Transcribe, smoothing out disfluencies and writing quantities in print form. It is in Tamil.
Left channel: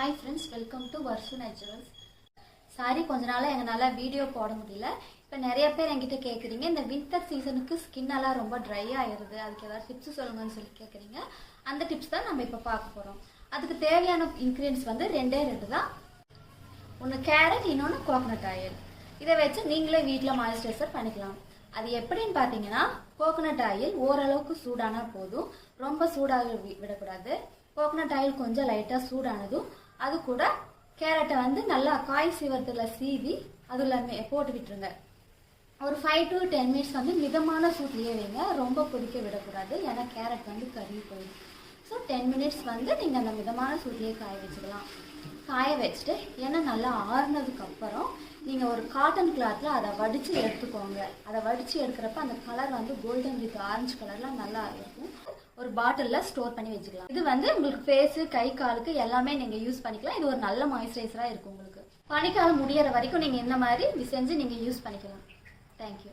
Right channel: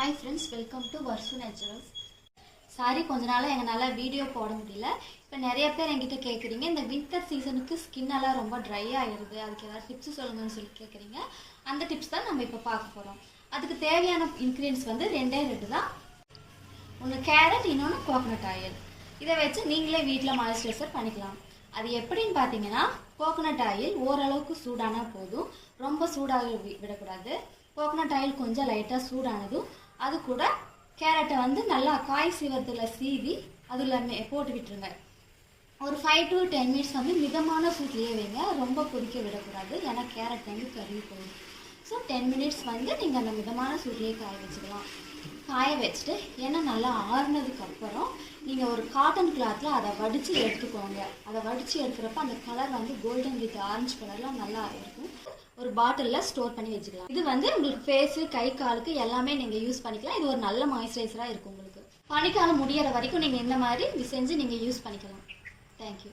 Hi friends, welcome to Varshu naturals. Sorry, கொஞ்ச நாளாக எங்களால் வீடியோ போட முடியல. இப்போ நிறைய பேர் என்கிட்ட கேட்குறீங்க, இந்த வின்டர் சீசனுக்கு ஸ்கின்னெல்லாம் ரொம்ப ட்ரை ஆகிடுது, அதுக்கு ஏதாவது டிப்ஸ் சொல்லுங்கன்னு சொல்லி கேட்குறீங்க. அந்த டிப்ஸ் தான் நம்ம இப்போ பார்க்க போகிறோம். அதுக்கு தேவையான இன்க்ரீடியன்ஸ் வந்து ரெண்டே தான். ஒன்று கேரட், இன்னொன்று கோகனட் ஆயில். இதை வச்சு நீங்களே வீட்டில் மாய்ஸ்சரைசர் பண்ணிக்கலாம். அது எப்படின்னு பார்த்தீங்கன்னா, கோகனட் ஆயில் ஓரளவுக்கு சூடானா போதும், ரொம்ப சூடாக விடக்கூடாது. கோகனட் ஆயில் கொஞ்சம் லைட்டாக சூடானதும் அது கூட கேரட்டை வந்து நல்லா காய் சீவரத்தில் சீவி அதில் போட்டு விட்டுருங்க. ஒரு 5 to 10 மினிட்ஸ் வந்து மிதமான சூட்லேயே வைங்க, ரொம்ப கொதிக்க விடக்கூடாது, ஏன்னா கேரட் வந்து கருகி போயிடும். ஸோ 10 மினிட்ஸ் வந்து நீங்கள் அந்த மிதமான சூட்லேயே காய வச்சுக்கலாம். காய வச்சுட்டு எண்ணெய் நல்லா ஆறுனதுக்கப்புறம் நீங்கள் ஒரு காட்டன் கிளாத்தில் அதை வடித்து எடுத்துக்கோங்க. அதை வடித்து எடுக்கிறப்ப அந்த கலர் வந்து கோல்டன் வித் ஆரஞ்சு கலரில் நல்லா இருக்கும். ஒரு பாட்டிலில் ஸ்டோர் பண்ணி வச்சுக்கலாம். இது வந்து உங்களுக்கு ஃபேஸு, கை, காலுக்கு எல்லாமே நீங்கள் யூஸ் பண்ணிக்கலாம். இது ஒரு நல்ல மாய்ஸ்சரைசராக இருக்கும். உங்களுக்கு பனிக்காலம் முடியிற வரைக்கும் நீங்கள் இந்த மாதிரி செஞ்சு நீங்கள் யூஸ் பண்ணிக்கலாம். தேங்க்யூ.